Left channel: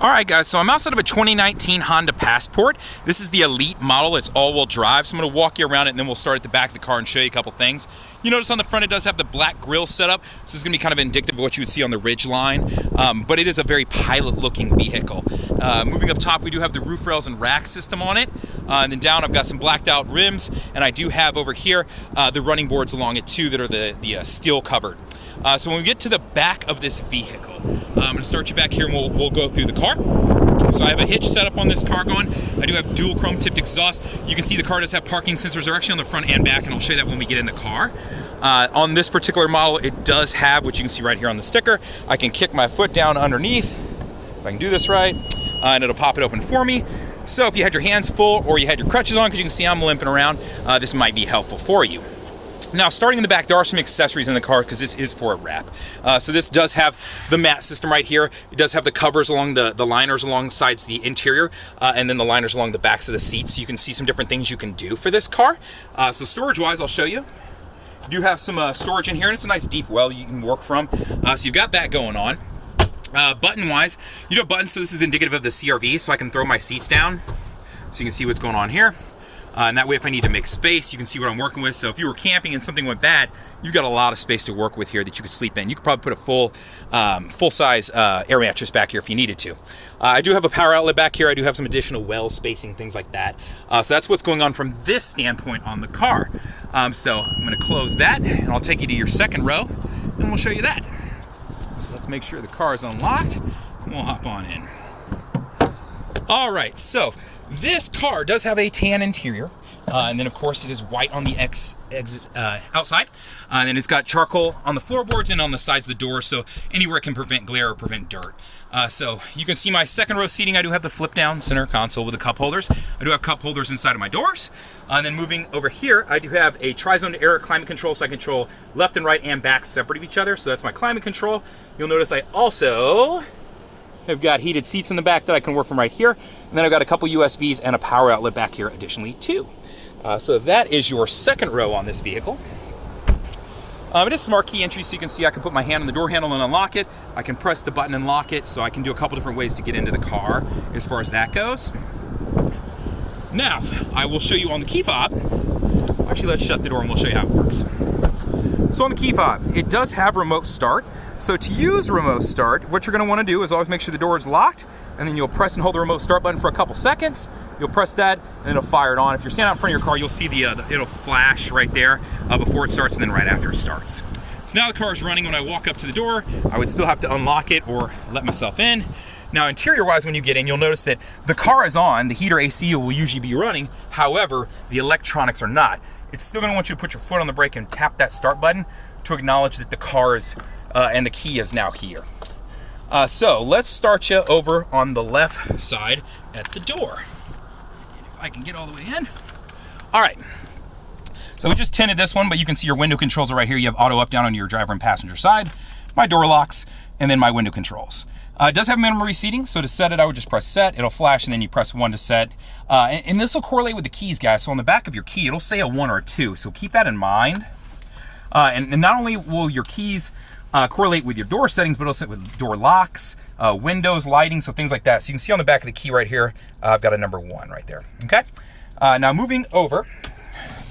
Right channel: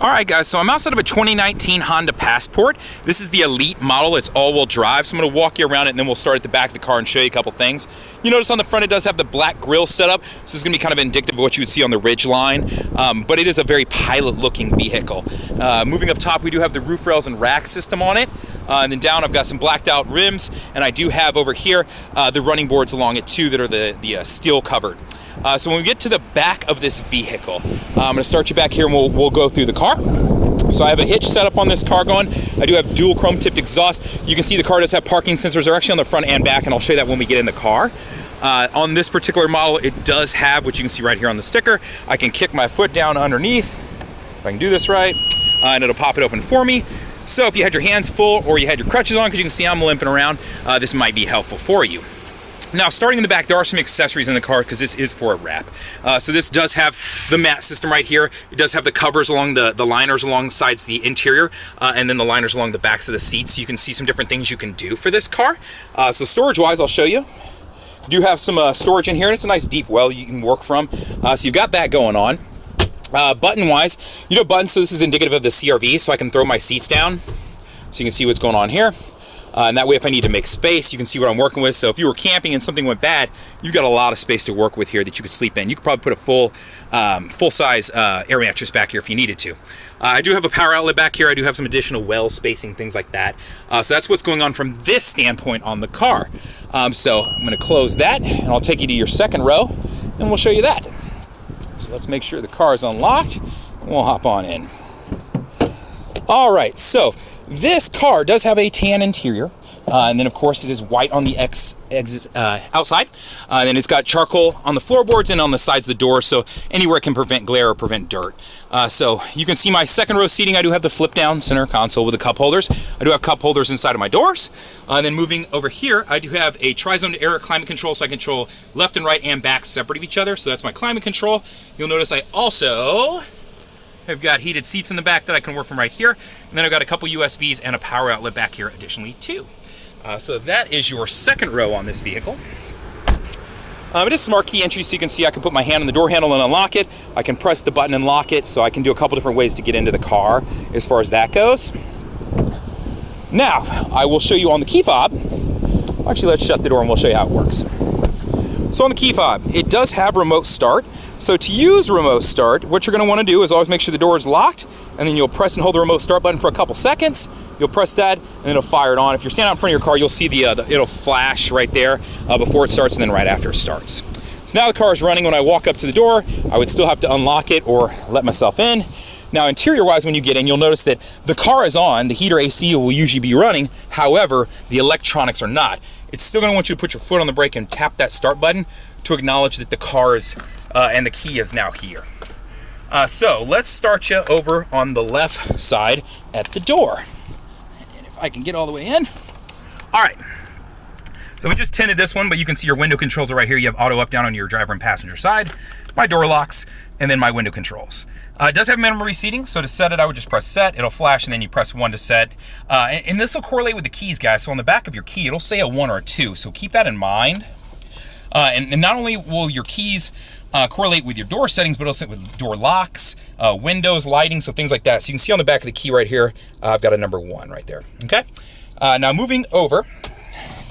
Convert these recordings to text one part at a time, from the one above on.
All right, guys, so I'm outside of a 2019 Honda Passport. This is the Elite model. It's all-wheel drive, so I'm going to walk you around it, and then we'll start at the back of the car and show you a couple things. You notice on the front it does have the black grille setup. This is going to be kind of indicative of what you would see on the Ridgeline, but it is a very pilot-looking vehicle. Moving up top, we do have the roof rails and rack system on it. And then down, I've got some blacked-out rims, and I do have over here the running boards along it, too, that are the steel covered. So when we get to the back of this vehicle, I'm going to start you back here and we'll go through the car. So I have a hitch set up on this car going. I do have dual chrome tipped exhaust. You can see the car does have parking sensors. They're actually on the front and back, and I'll show you that when we get in the car. On this particular model, it does have, which you can see right here on the sticker, I can kick my foot down underneath, if I can do this right, and it'll pop it open for me. So if you had your hands full or you had your crutches on, because you can see I'm limping around, this might be helpful for you. Now, starting in the back, there are some accessories in the car because this is for a wrap. So this does have the mat system right here. It does have the covers along the liners alongside the interior, and then the liners along the backs of the seats. So you can see some different things you can do for this car. So storage-wise, I'll show you. You do have some storage in here, and it's a nice deep well you can work from. So you've got that going on. Button-wise, you know buttons, so this is indicative of the CRV, so I can throw my seats down so you can see what's going on here. And that way, if I need to make space, you can see what I'm working with. So if you were camping and something went bad, you've got a lot of space to work with here that you could sleep in. You could probably put a full-size air mattress back here if you needed to. I do have a power outlet back here. I do have some additional well spacing, things like that. So that's what's going on from this standpoint on the car. So I'm going to close that, and I'll take you to your second row, and we'll show you that. So let's make sure the car is unlocked, and we'll hop on in. All right, so this car does have a tan interior, and then of course it is white on the outside. And it's got charcoal on the floorboards and on the sides of the door, so anywhere it can prevent glare or prevent dirt. So you can see my second row seating. I do have the flip down center console with the cup holders. I do have cup holders inside of my doors. And then moving over here, I do have a tri-zone air climate control, so I control left and right and back separate of each other. So that's my climate control. You'll notice I also I've got heated seats in the back that I can work from right here. And then I've got a couple USBs and a power outlet back here additionally too. So that is your second row on this vehicle. It is smart key entry, so you can see I can put my hand on the door handle and unlock it. I can press the button and lock it, so I can do a couple different ways to get into the car as far as that goes. Now, I will show you on the key fob. Actually, let's shut the door and we'll show you how it works. So on the key fob, it does have remote start. So to use remote start, what you're going to want to do is always make sure the door is locked, and then you'll press and hold the remote start button for a couple seconds. You'll press that, and it'll fire it on. If you're standing out in front of your car, you'll see it'll flash right there before it starts and then right after it starts. So now the car is running. When I walk up to the door, I would still have to unlock it or let myself in. Now, interior-wise, when you get in, you'll notice that the car is on. The heater AC will usually be running. However, the electronics are not. It's still going to want you to put your foot on the brake and tap that start button to acknowledge that the car is and the key is now here. So let's start you over on the left side at the door. And if I can get all the way in. All right. So we just tinted this one, but you can see your window controls are right here. You have auto up down on your driver and passenger side, my door locks, and then my window controls. It does have memory seating, so to set it, I would just press set. It'll flash, and then you press 1 to set. And this will correlate with the keys, guys. So on the back of your key, it'll say a 1 or a 2, so keep that in mind. And not only will your keys correlate with your door settings, but also with door locks, windows, lighting, so things like that. So you can see on the back of the key right here, I've got a number 1 right there, okay? Now moving over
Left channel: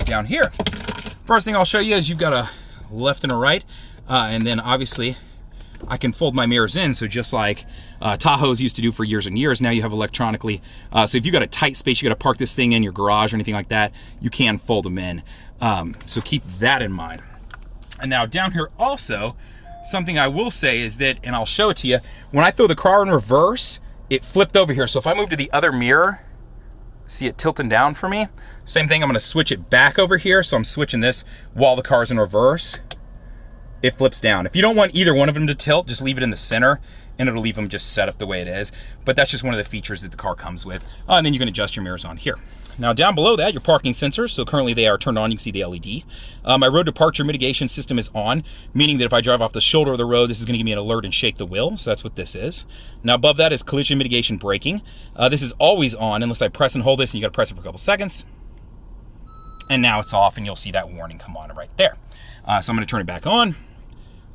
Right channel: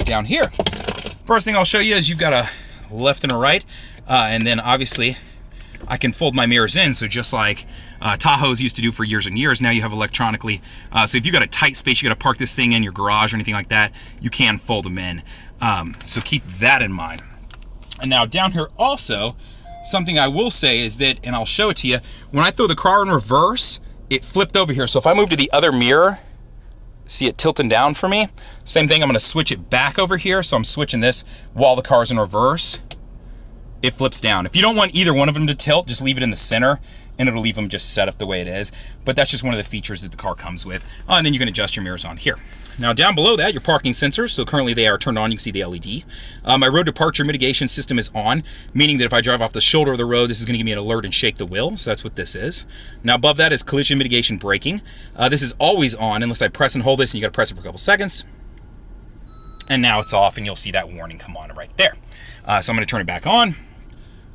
down here, first thing I'll show you is you've got a left and a right, and then obviously I can fold my mirrors in, so just like Tahoes used to do for years and years, now you have electronically. So if you've got a tight space, you got to park this thing in your garage or anything like that, you can fold them in. So keep that in mind. And now down here also, something I will say is that, and I'll show it to you, when I throw the car in reverse, it flipped over here. So if I move to the other mirror, see it tilting down for me? Same thing, I'm gonna switch it back over here. So I'm switching this while the car's in reverse. It flips down. If you don't want either one of them to tilt, just leave it in the center and it'll leave them just set up the way it is. But that's just one of the features that the car comes with. And then you can adjust your mirrors on here. Now down below that, your parking sensors. So currently they are turned on, you can see the LED. My road departure mitigation system is on, meaning that if I drive off the shoulder of the road, this is gonna give me an alert and shake the wheel. So that's what this is. Now above that is collision mitigation braking. This is always on unless I press and hold this, and you gotta press it for a couple seconds. And now it's off, and you'll see that warning come on right there. So I'm gonna turn it back on.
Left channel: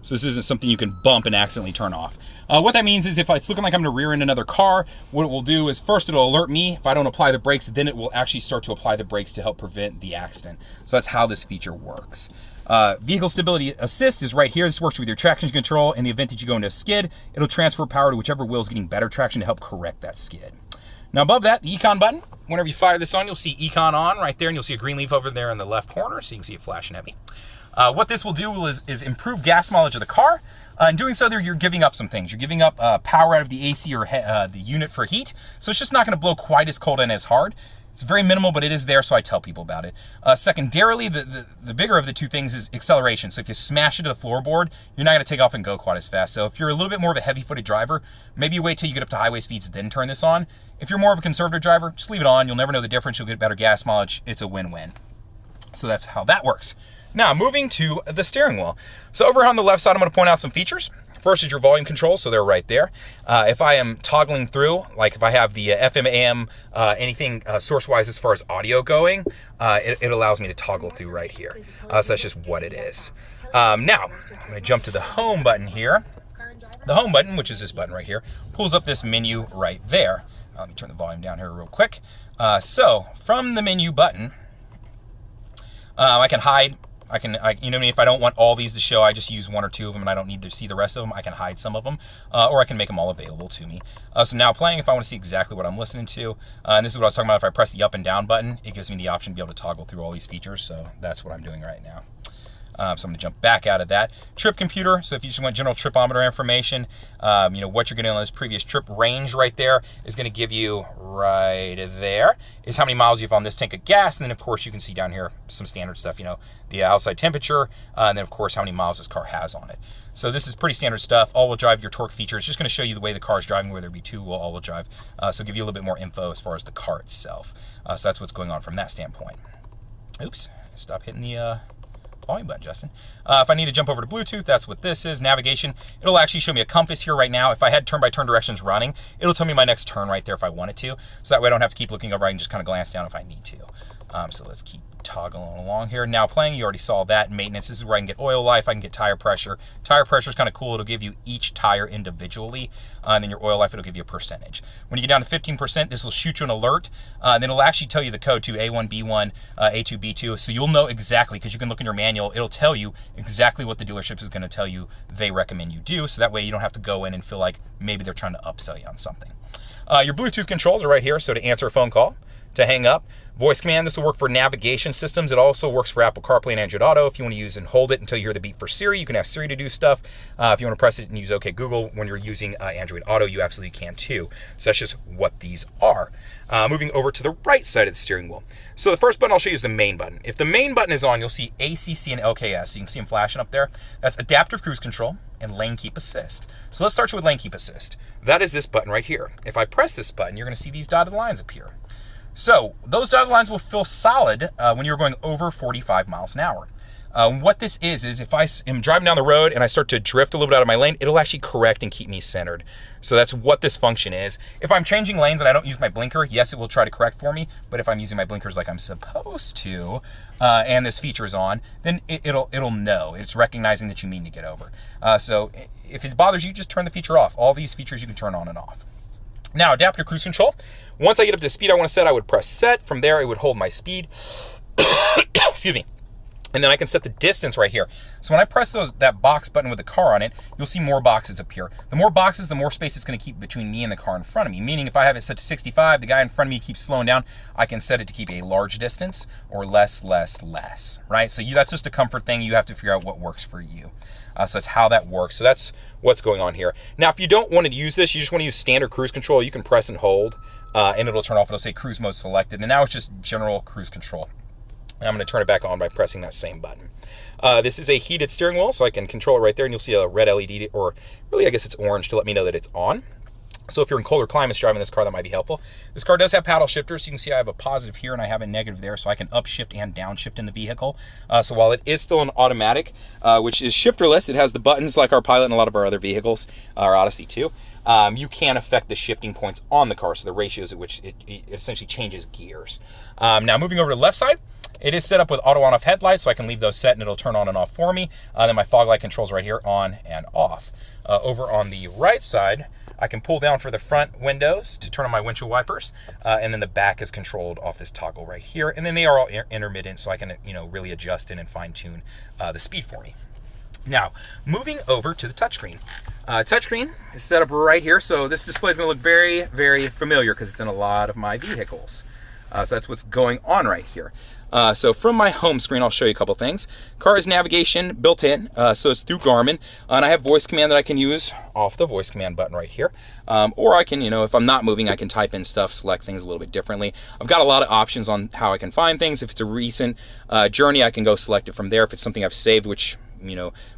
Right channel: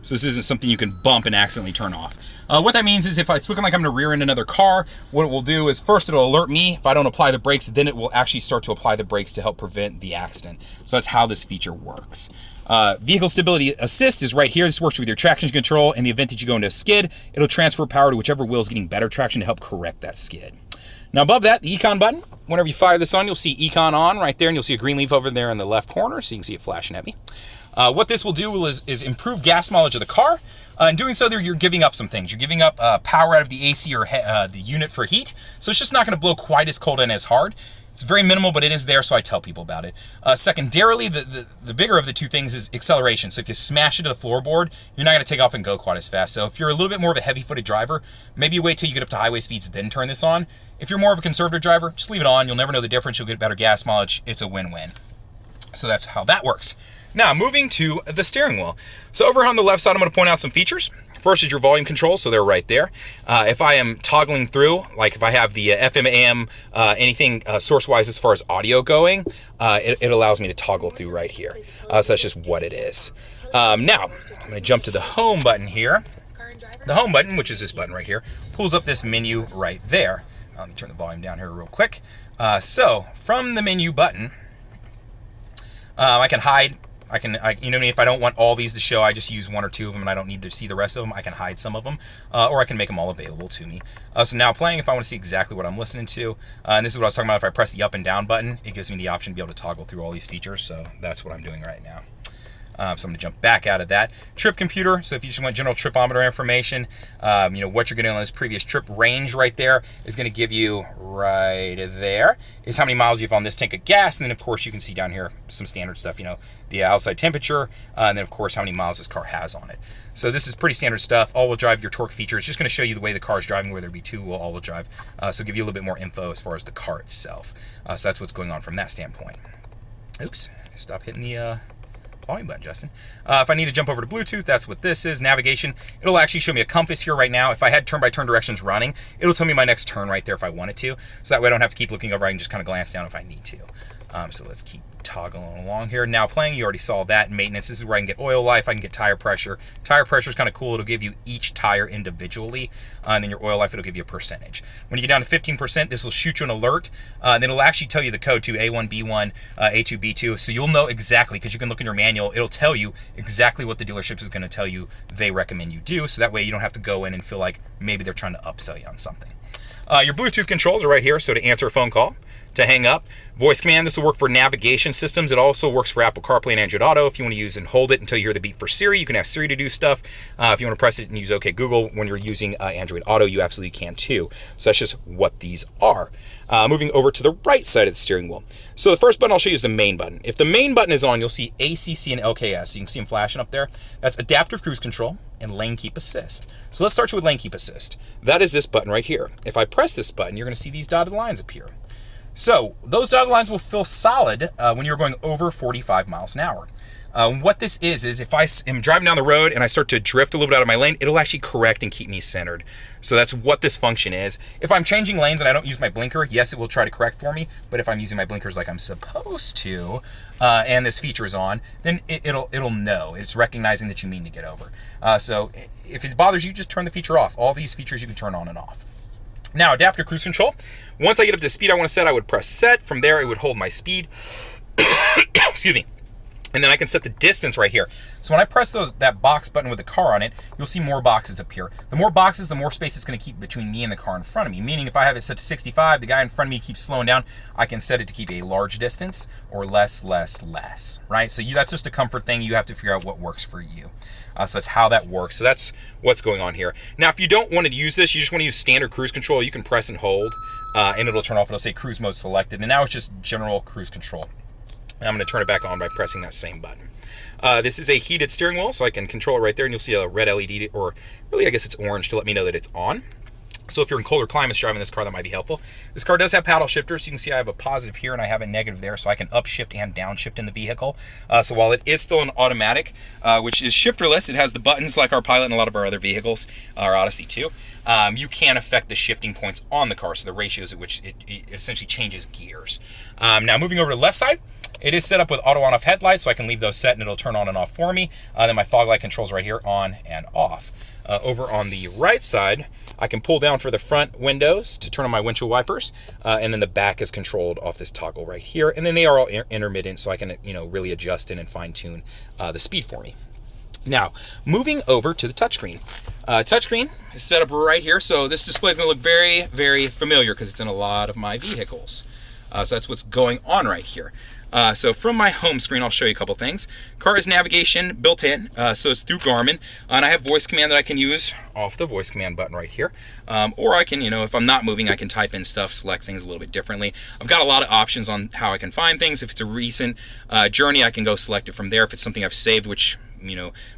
So this isn't something you can bump and accidentally turn off. What that means is if it's looking like I'm gonna rear end another car, what it will do is first it'll alert me if I don't apply the brakes, then it will actually start to apply the brakes to help prevent the accident. So that's how this feature works. Vehicle Stability Assist is right here. This works with your traction control. In the event that you go into a skid, it'll transfer power to whichever wheel is getting better traction to help correct that skid. Now above that, the Econ button. Whenever you fire this on, you'll see Econ on right there, and you'll see a green leaf over there in the left corner, so you can see it flashing at me. What this will do is improve gas mileage of the car. In doing so, you're giving up some things. You're giving up power out of the AC or the unit for heat, so it's just not going to blow quite as cold and as hard. It's very minimal, but it is there, so I tell people about it. Secondarily, the bigger of the two things is acceleration. So if you smash it to the floorboard, you're not going to take off and go quite as fast. So if you're a little bit more of a heavy-footed driver, maybe wait till you get up to highway speeds, then turn this on. If you're more of a conservative driver, just leave it on. You'll never know the difference. You'll get better gas mileage. It's a win-win. So that's how that works. Now, moving to the steering wheel. So over on the left side, I'm going to point out some features. First is your volume control, so they're right there. If I am toggling through, like if I have the FM, AM, anything source-wise as far as audio going, it allows me to toggle through right here. So that's just what it is. Now, I'm going to jump to the home button here. The home button, which is this button right here, pulls up this menu right there. Let me turn the volume down here real quick. So from the menu button, I can hide. You know what I mean? If I don't want all these to show, I just use one or two of them and I don't need to see the rest of them. I can hide some of them, or I can make them all available to me. So now playing, if I want to see exactly what I'm listening to, and this is what I was talking about, if I press the up and down button, it gives me the option to be able to toggle through all these features. So that's what I'm doing right now. So I'm going to jump back out of that. Trip computer, so if you just want general tripometer information, what you're getting on this previous trip range right there is going to give you right there is how many miles you have on this tank of gas. And then, of course, you can see down here some standard stuff, the outside temperature, and then, of course, how many miles this car has on it. So this is pretty standard stuff. All-wheel drive, your torque feature. It's just going to show you the way the car is driving, whether it be two-wheel, all-wheel drive. So give you a little bit more info as far as the car itself. So that's what's going on from that standpoint. Oops, stop hitting the volume button, Justin. If I need to jump over to Bluetooth, that's what this is. Navigation, it'll actually show me a compass here right now. If I had turn-by-turn directions running, it'll tell me my next turn right there if I wanted to. So that way I don't have to keep looking over. I can just kind of glance down if I need to. So let's keep toggling along here. Now playing, you already saw that. Maintenance, this is where I can get oil life, I can get tire pressure. Tire pressure is kind of cool. It'll give you each tire individually, and then your oil life, it'll give you a percentage. When you get down to 15%, this will shoot you an alert, and then it'll actually tell you the code to A1, B1, A2, B2, so you'll know exactly, because you can look in your manual, it'll tell you exactly what the dealership is going to tell you they recommend you do, so that way you don't have to go in and feel like maybe they're trying to upsell you on something. Your Bluetooth controls are right here, so to answer a phone call, to hang up. Voice command, this will work for navigation systems. It also works for Apple CarPlay and Android Auto. If you want to use and hold it until you hear the beep for Siri, you can ask Siri to do stuff. If you want to press it and use OK Google when you're using Android Auto, you absolutely can too. So that's just what these are. Moving over to the right side of the steering wheel. So the first button I'll show you is the main button. If the main button is on, you'll see ACC and LKS. So you can see them flashing up there. That's Adaptive Cruise Control and Lane Keep Assist. So let's start you with Lane Keep Assist. That is this button right here. If I press this button, you're going to see these dotted lines appear. So those dotted lines will feel solid when you're going over 45 miles an hour. What this is if I am driving down the road and I start to drift a little bit out of my lane, it'll actually correct and keep me centered. So that's what this function is. If I'm changing lanes and I don't use my blinker, yes, it will try to correct for me. But if I'm using my blinkers like I'm supposed to, and this feature is on, then it'll know. It's recognizing that you mean to get over. So if it bothers you, just turn the feature off. All these features you can turn on and off. Now, adaptive cruise control. Once I get up to the speed I want to set, I would press set. From there, it would hold my speed. Excuse me. And then I can set the distance right here. So when I press that box button with the car on it, you'll see more boxes appear. The more boxes, the more space it's going to keep between me and the car in front of me. Meaning if I have it set to 65, the guy in front of me keeps slowing down, I can set it to keep a large distance or less, right? So that's just a comfort thing. You have to figure out what works for you. So that's how that works. So that's what's going on here. Now, if you don't want to use this, you just want to use standard cruise control, you can press and hold, and it'll turn off. It'll say cruise mode selected. And now it's just general cruise control. And I'm going to turn it back on by pressing that same button. This is a heated steering wheel, so I can control it right there, and you'll see a red LED, or really I guess it's orange, to let me know that it's on. So if you're in colder climates driving this car, that might be helpful. This car does have paddle shifters, so you can see I have a positive here and I have a negative there, so I can upshift and downshift in the vehicle. So while it is still an automatic, which is shifterless, it has the buttons like our Pilot and a lot of our other vehicles, our Odyssey too. You can affect the shifting points on the car, so the ratios at which it essentially changes gears. Now moving over to the left side, It is set up with auto on-off headlights, so I can leave those set and it'll turn on and off for me. Then my fog light controls right here, on and off. Over on the right side, I can pull down for the front windows to turn on my windshield wipers, and then the back is controlled off this toggle right here. And then they are all intermittent, so I can really adjust in and fine-tune the speed for me. Now, moving over to the touchscreen. Touchscreen is set up right here, so this display is going to look very, very familiar because it's in a lot of my vehicles. So that's what's going on right here. So from my home screen, I'll show you a couple things. Car has navigation built in, so it's through Garmin, and I have voice command that I can use off the voice command button right here. Or I can, if I'm not moving, I can type in stuff, select things a little bit differently. I've got a lot of options on how I can find things. If it's a recent journey, I can go select it from there. If it's something I've saved, which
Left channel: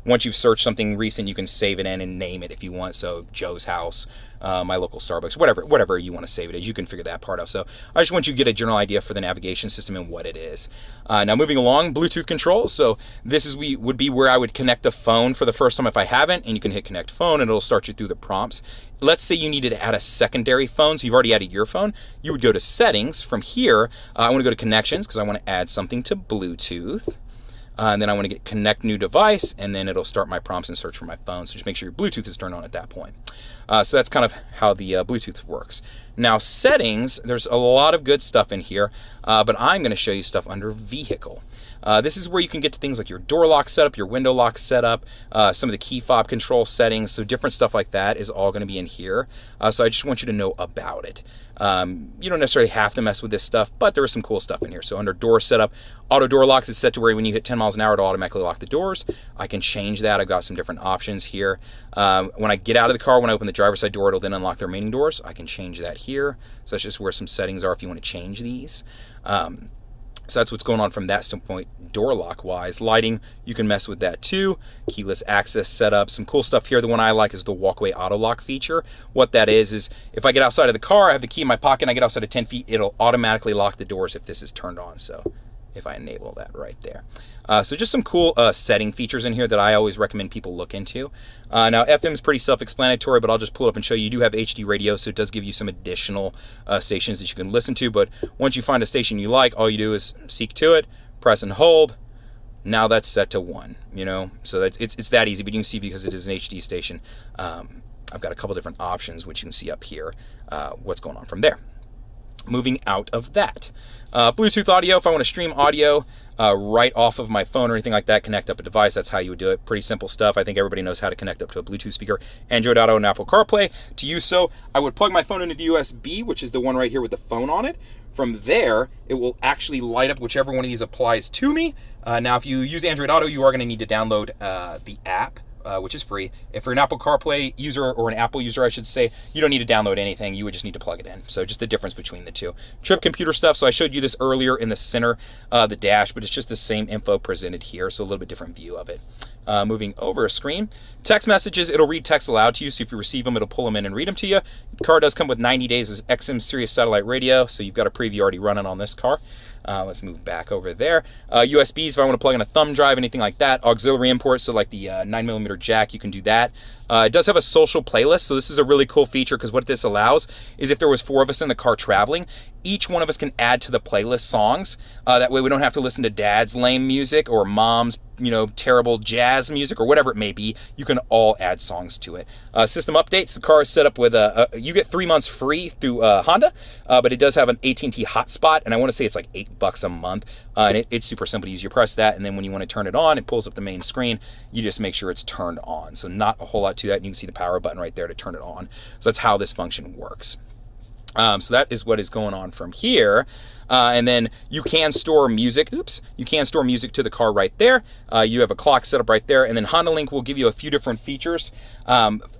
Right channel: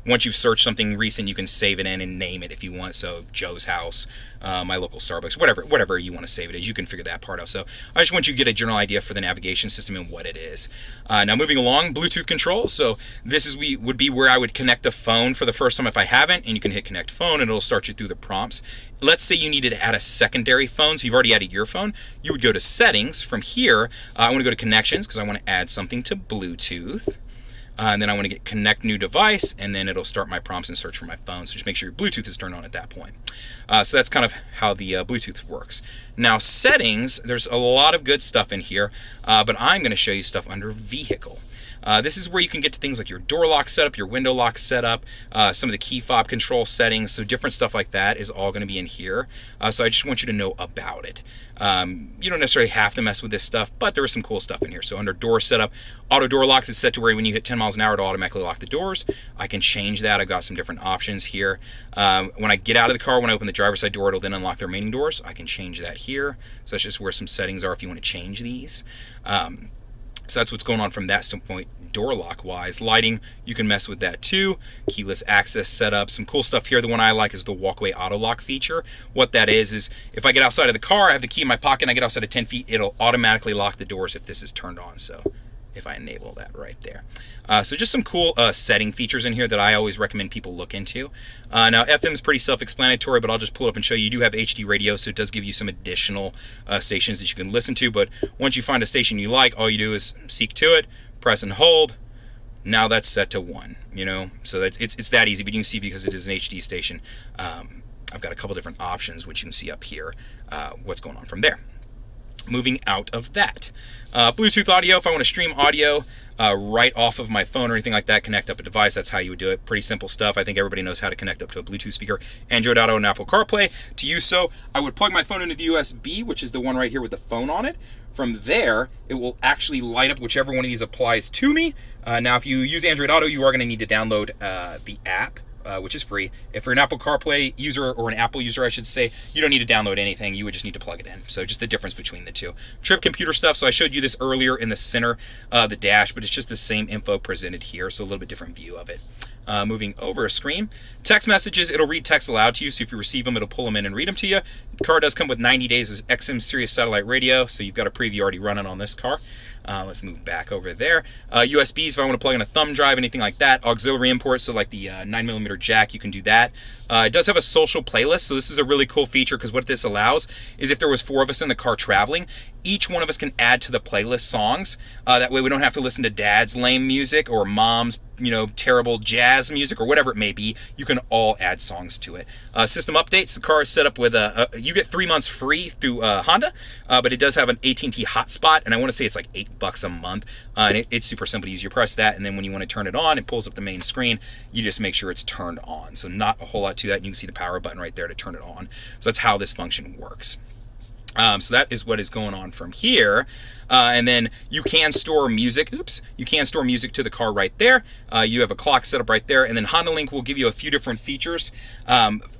once you've searched something recent, you can save it in and name it if you want. So Joe's house, my local Starbucks, whatever you want to save it as, you can figure that part out. So I just want you to get a general idea for the navigation system and what it is. Now moving along, Bluetooth controls. So this would be where I would connect a phone for the first time if I haven't, and you can hit connect phone and it'll start you through the prompts. Let's say you needed to add a secondary phone, so you've already added your phone. You would go to settings. From here, I want to go to connections because I want to add something to Bluetooth. And then I want to get connect new device, and then it'll start my prompts and search for my phone. So just make sure your Bluetooth is turned on at that point. So that's kind of how the Bluetooth works. Now settings, there's a lot of good stuff in here, but I'm going to show you stuff under vehicle. This is where you can get to things like your door lock setup, your window lock setup, some of the key fob control settings, so different stuff like that is all going to be in here. So I just want you to know about it. You don't necessarily have to mess with this stuff, but there is some cool stuff in here. So under door setup, auto door locks is set to where when you hit 10 miles an hour, it'll automatically lock the doors. I can change that. I've got some different options here. When I get out of the car, when I open the driver's side door, it'll then unlock the remaining doors. I can change that here. So that's just where some settings are if you want to change these. So that's what's going on from that standpoint, door lock wise. Lighting, you can mess with that too. Keyless access setup, some cool stuff here. The one I like is the walkway auto lock feature. What that is if I get outside of the car, I have the key in my pocket, and I get outside of 10 feet, it'll automatically lock the doors if this is turned on. So if I enable that right there. So just some cool setting features in here that I always recommend people look into. Now FM is pretty self-explanatory, but I'll just pull it up and show you. You do have HD radio, so it does give you some additional stations that you can listen to. But once you find a station you like, all you do is seek to it, press and hold. Now that's set to 1. So it's that easy. But you can see because it is an HD station, I've got a couple different options, which you can see up here. What's going on from there? Moving out of that, Bluetooth audio. If I want to stream audio right off of my phone or anything like that, connect up a device, that's how you would do it. Pretty simple stuff. I think everybody knows how to connect up to a Bluetooth speaker, Android Auto and Apple CarPlay. To use so, I would plug my phone into the USB, which is the one right here with the phone on it. From there, it will actually light up whichever one of these applies to me. Now, if you use Android Auto, you are going to need to download the app, which is free. If you're an Apple CarPlay user, or an Apple user, I should say, you don't need to download anything. You would just need to plug it in. So just the difference between the two. Trip computer stuff. So I showed you this earlier in the center, the dash, but it's just the same info presented here. So a little bit different view of it. Moving over a screen. Text messages, it'll read text aloud to you. So if you receive them, it'll pull them in and read them to you. The car does come with 90 days of XM Sirius satellite radio. So you've got a preview already running on this car. Let's move back over there. USBs, if I want to plug in a thumb drive, anything like that. Auxiliary imports, so like the 9mm jack, you can do that. It does have a social playlist, so this is a really cool feature because what this allows is if there was 4 of us in the car traveling, each one of us can add to the playlist songs. That way we don't have to listen to dad's lame music or mom's terrible jazz music or whatever it may be. You can all add songs to it. System updates, the car is set up with you get 3 months free through Honda, but it does have an AT&T hotspot, and I want to say it's like $8 a month, and it's super simple to use. You press that, and then when you want to turn it on, it pulls up the main screen. You just make sure it's turned on. So not a whole lot to that, and you can see the power button right there to turn it on. So that's how this function works. So that is what is going on from here. And then you can store music. You can store music to the car right there. You have a clock set up right there. And then Honda Link will give you a few different features.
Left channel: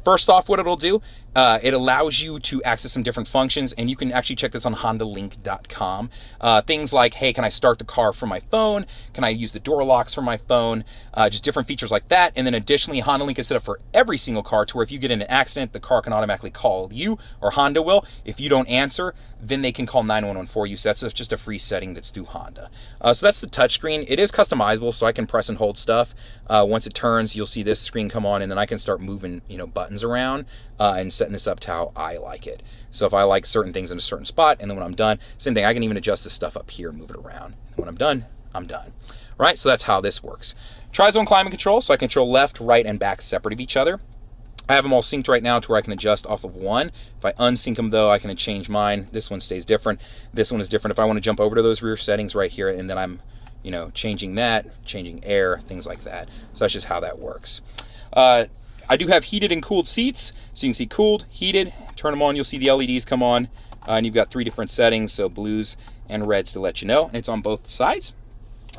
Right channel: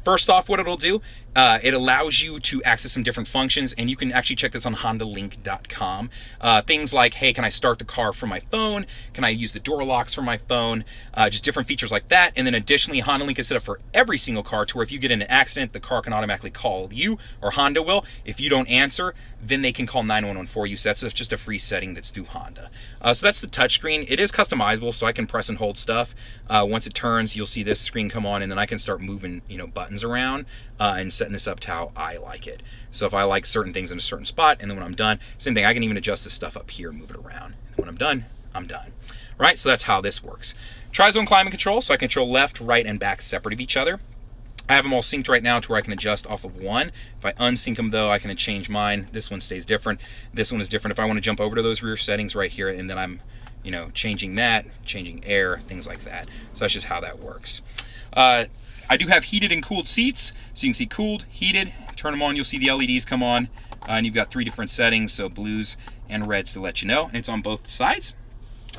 First off, what it'll do, it allows you to access some different functions, and you can actually check this on HondaLink.com. Things like, hey, can I start the car from my phone? Can I use the door locks from my phone? Just different features like that. And then additionally, Honda Link is set up for every single car to where if you get in an accident, the car can automatically call you, or Honda will. If you don't answer, then they can call 911 for you. So that's just a free setting that's through Honda. So that's the touchscreen. It is customizable, so I can press and hold stuff. Once it turns, you'll see this screen come on, and then I can start moving, buttons around and setting this up to how I like it. So if I like certain things in a certain spot, and then when I'm done, same thing. I can even adjust this stuff up here and move it around. And when I'm done, I'm done. Right, so that's how this works. Tri-zone climate control, so I control left, right, and back separate of each other. I have them all synced right now to where I can adjust off of one. If I unsync them though, I can change mine. This one stays different. This one is different. If I want to jump over to those rear settings right here, and then I'm, changing that, changing air, things like that. So that's just how that works. I do have heated and cooled seats. So you can see cooled, heated, turn them on, you'll see the LEDs come on. And you've got 3 different settings, so blues and reds to let you know. And it's on both sides.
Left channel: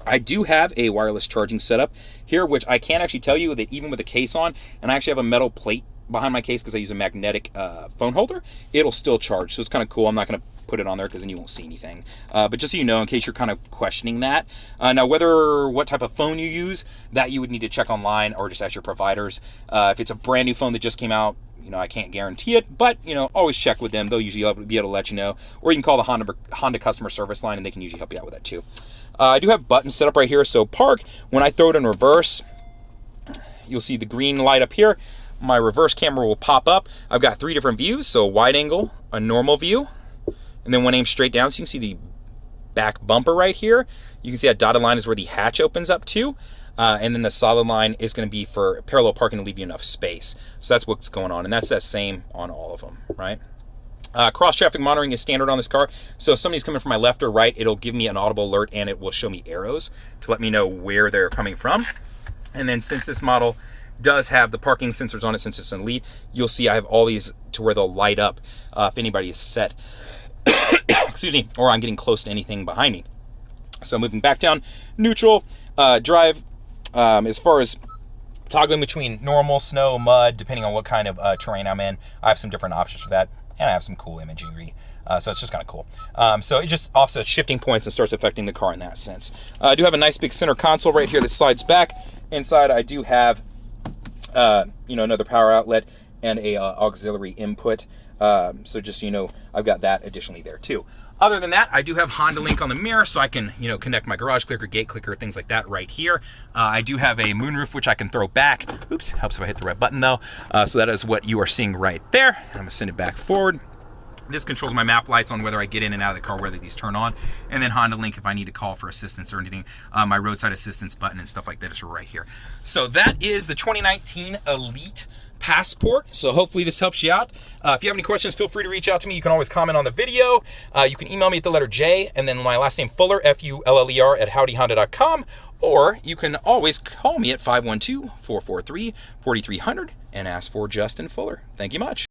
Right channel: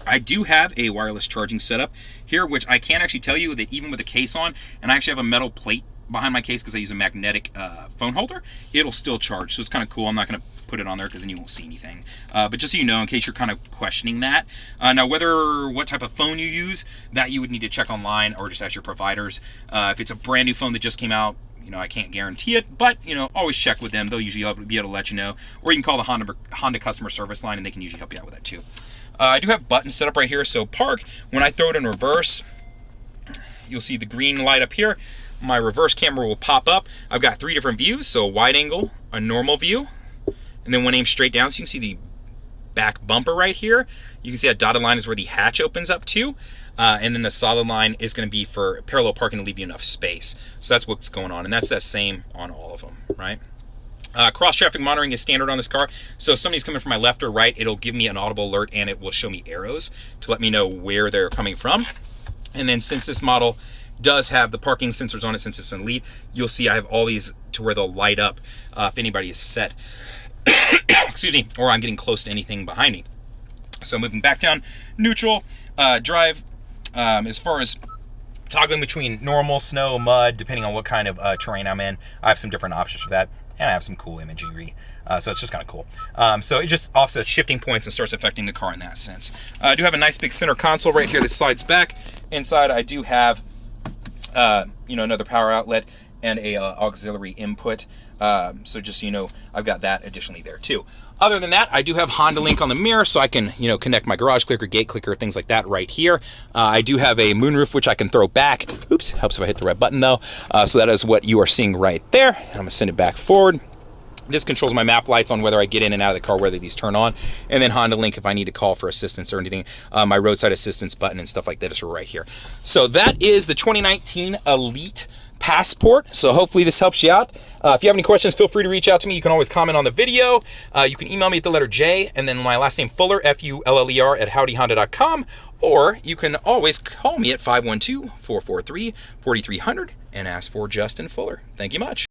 I do have a wireless charging setup here, which I can actually tell you that even with the case on, and I actually have a metal plate behind my case because I use a magnetic phone holder, it'll still charge. So it's kind of cool. I'm not going to put it on there because then you won't see anything. But just so you know, in case you're kind of questioning that. Now, what type of phone you use, that you would need to check online or just ask your providers. If it's a brand new phone that just came out, I can't guarantee it, but, always check with them. They'll usually be able to let you know. Or you can call the Honda customer service line, and they can usually help you out with that too. I do have buttons set up right here. So park, when I throw it in reverse, you'll see the green light up here. My reverse camera will pop up. I've got 3 different views. So a wide angle, a normal view, and then one aimed straight down. So you can see the back bumper right here. You can see that dotted line is where the hatch opens up to. And then the solid line is going to be for parallel parking to leave you enough space. So that's what's going on. And that's the same on all of them, right? Cross-traffic monitoring is standard on this car. So if somebody's coming from my left or right, it'll give me an audible alert, and it will show me arrows to let me know where they're coming from. And then since this model does have the parking sensors on it, since it's an Elite, you'll see I have all these to where they'll light up if anybody is set, excuse me, or I'm getting close to anything behind me. So moving back down, neutral, drive, as far as toggling between normal, snow, mud, depending on what kind of terrain I'm in, I have some different options for that. And I have some cool imagery, so it's just kind of cool. So it just offsets shifting points and starts affecting the car in that sense. I do have a nice big center console right here that slides back. Inside I do have, another power outlet and a auxiliary input. So just so you know, I've got that additionally there too. Other than that, I do have Honda Link on the mirror, so I can, connect my garage clicker, gate clicker, things like that right here. I do have a moonroof, which I can throw back. Oops, helps if I hit the right button though. So that is what you are seeing right there. I'm gonna send it back forward. This controls my map lights on whether I get in and out of the car, whether these turn on. And then Honda Link if I need to call for assistance or anything. My roadside assistance button and stuff like that is right here. So that is the 2019 Elite Passport. So hopefully this helps you out. If you have any questions, feel free to reach out to me. You can always comment on the video. You can email me at the letter J and then my last name Fuller, F-U-L-L-E-R at howdyhonda.com, or you can always call me at 512-443-4300 and ask for Justin Fuller. Thank you much.